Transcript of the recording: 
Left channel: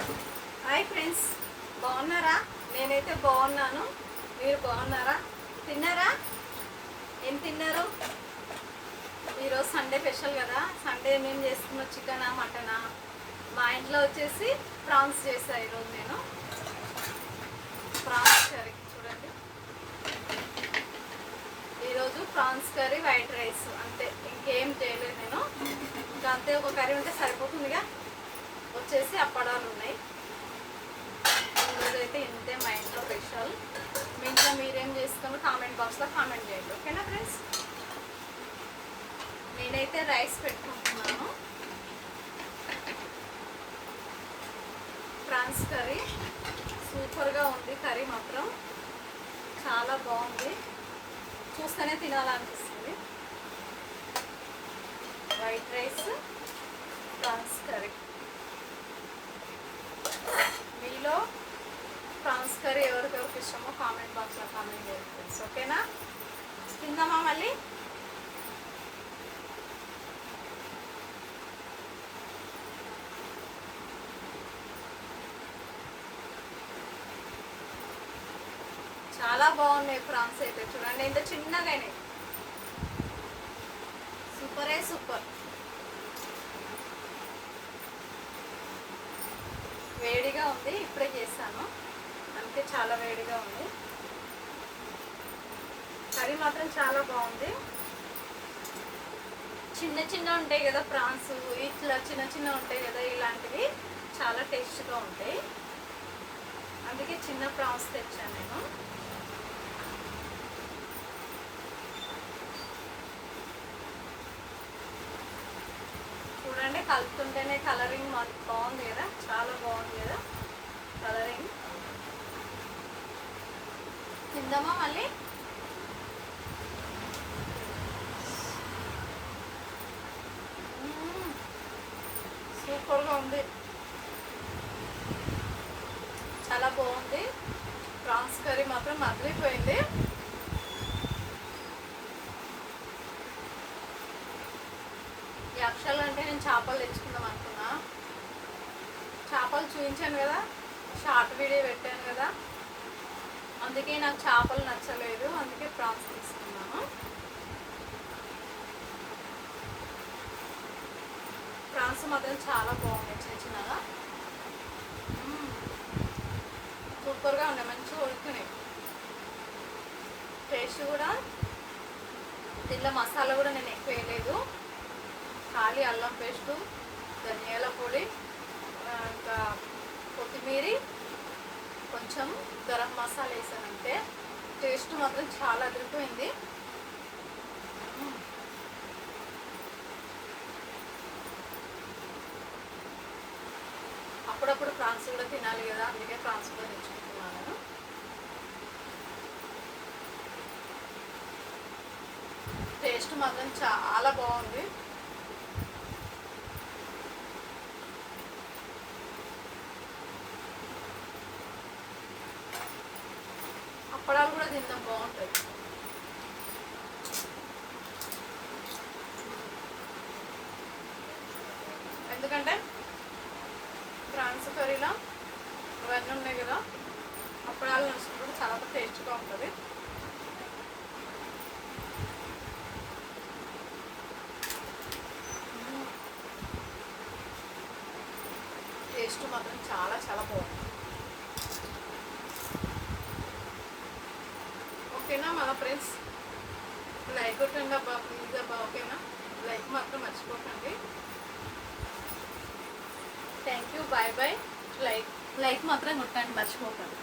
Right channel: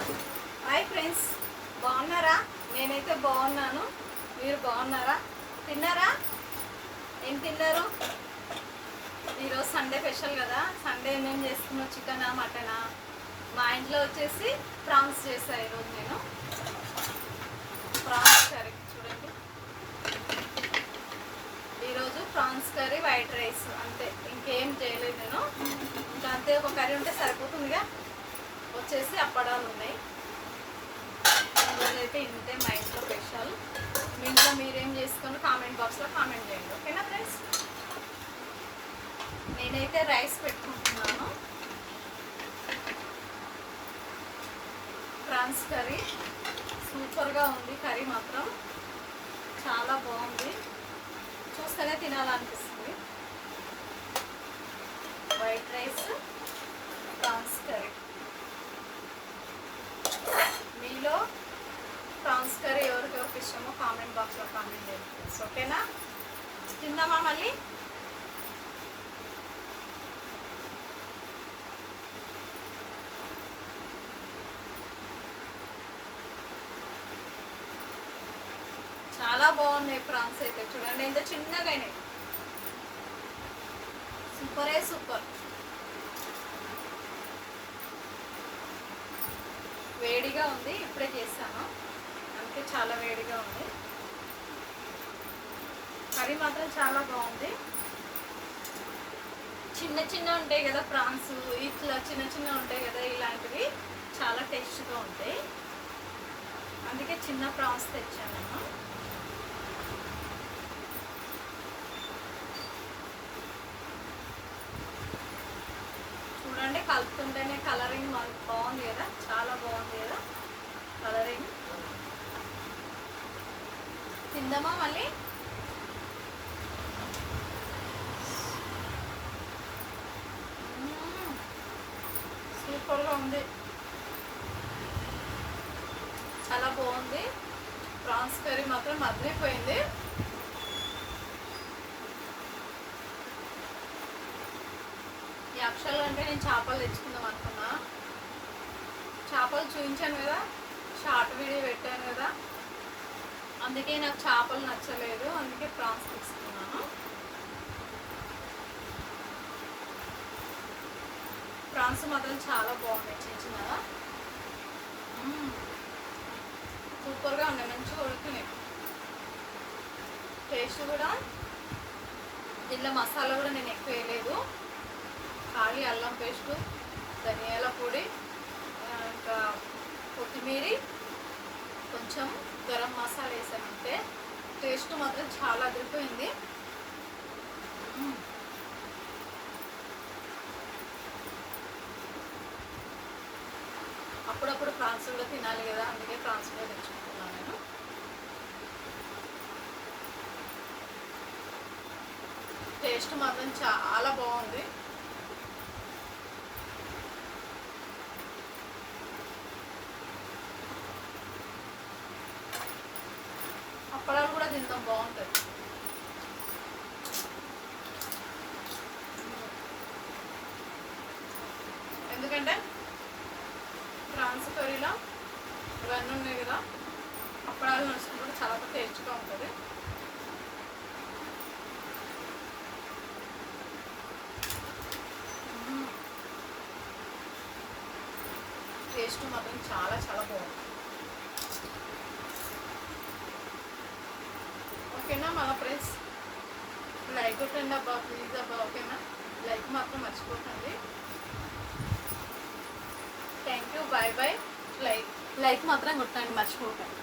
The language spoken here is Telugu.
హాయ్ ఫ్రెండ్స్, బాగున్నారా? నేనైతే బాగున్నాను. మీరు బాగున్నారా? తిన్నారా? ఏం తిన్నారు? ఈరోజు సండే స్పెషల్ కదా. సండే ఏమేం చేసుకున్నాం? చికెనా, మటనా? మా ఇంట్లో వచ్చేసి ప్రాన్స్ చేశాను ఈరోజు. నేను ప్రాన్స్ కర్రీ చూడండి. ఈరోజు ప్రాన్స్ కర్రీ, వైట్ రైస్, అంతే. ఇంకేం చేయలేదు నేను. ఇంకా అంతే, ఒక కర్రీ ఉంటే సరిపోతుందిగా. వచ్చేసి అప్పడాలు ఉన్నాయి. ఈరోజైతే ఇంతే మా ఇంట్లో స్పెషల్. మీ ఇంట్లో మీరేం చేసుకోండి కామెంట్ బాక్స్లో కామెంట్ చేయండి, ఓకేనా ఫ్రెండ్స్? నేనైతే రైస్ పెట్టుకుంటున్నాను. ప్రాన్స్ కర్రీ సూపర్గా ఉంది. కర్రీ మాత్రం చాలా బాగుంది, చూస్తేనే తినాలనిపిస్తుంది. White rice, prawns curry. మీలో ప్రాన్స్ కర్రీ ఎవరికెవరికి ఇష్టమో కామెంట్ బాక్స్లో కామెంట్ చేయండి ఫ్రెండ్స్, ఓకేనా? తిందామా మళ్ళీ? చాలా బాగున్నాయి ప్రాన్స్ అయితే. చూడండి ఎంత చిన్నగా అయినాయి. సూపరే సూపర్. వేడిగా ఉంది, ఇప్పుడే చేశాను, అందుకే చాలా వేడిగా ఉంది. కర్రీ మాత్రం చాలా బాగుంది. చిన్న చిన్న ఉంటాయి కదా ప్రాన్స్, ఇట్లా చిన్న చిన్న ఉంటాయి కదా, ఇలాంటివి చాలా టేస్ట్గా ఉంటాయి. అందుకే చిన్న ప్రాన్స్ తెచ్చాను నేను. చూడండి, కలుపుతుంటేనే కలరింగ్ బాగుంది కదా, చాలా బాగుంది కదా కలరింగ్. తిందామా మళ్ళీ? సూపర్గా ఉంది, చాలా బాగుంది. ప్రాన్స్ కర్రీ మాత్రం మదిలిపోయింది. యాక్చువల్గా అంటే నేను చేపలు తెచ్చుకుందాం అనుకున్నా. చేపలు చూపించాను కదా, షార్ట్ వీడియో పెట్టాను కదా, అందుకే నాకు చేపలు నచ్చలేదు, అందుకే ప్రాన్స్ తీసుకున్నాను. ప్రాన్స్ మాత్రం చాలా బాగున్నాయి, చిన్న చిన్నగా సూపర్గా ఉన్నాయి, మంచిగా ఉడుకున్నాయి. టేస్ట్ కూడా, దీనిలో మసాలా కూడా నేను ఎక్కువ వేయలేదు. ఖాళీ అల్లం పేస్టు, ధనియాల పొడి, ఇంకా కొత్తిమీర, కొంచెం గరం మసాలా వేసానంటే టేస్ట్ మాత్రం చాలా అదిరిపోయింది. అప్పుడప్పుడు ప్రాన్స్ కూడా తినాలి కదా, అందుకే ప్రాన్స్ కూడా తెచ్చుకుంటున్నాను నేను. టేస్ట్ మాత్రం చాలా బాగుంది. అప్పడాలు కూడా తిందాం, బాగుంటుంది. ఎందుకంటే ప్రాన్స్ కర్రీలో ఇవన్నీ ఉన్నాయి కదా, అప్పడాలు నడుచుకుంటే చాలా టేస్ట్గా ఉంటుంది. టేస్ట్ మాత్రం చాలా చాలా బాగుంది. ఓకేనా మన ఫ్రెండ్స్? లైక్ కొట్టండి అబ్బా, ప్లీజ్ అబ్బా, ఓకేనా? లైక్ మాత్రం మర్చిపోకండి. Thank you, bye bye. Like మాత్రం కొట్టండి, మర్చిపోకండి.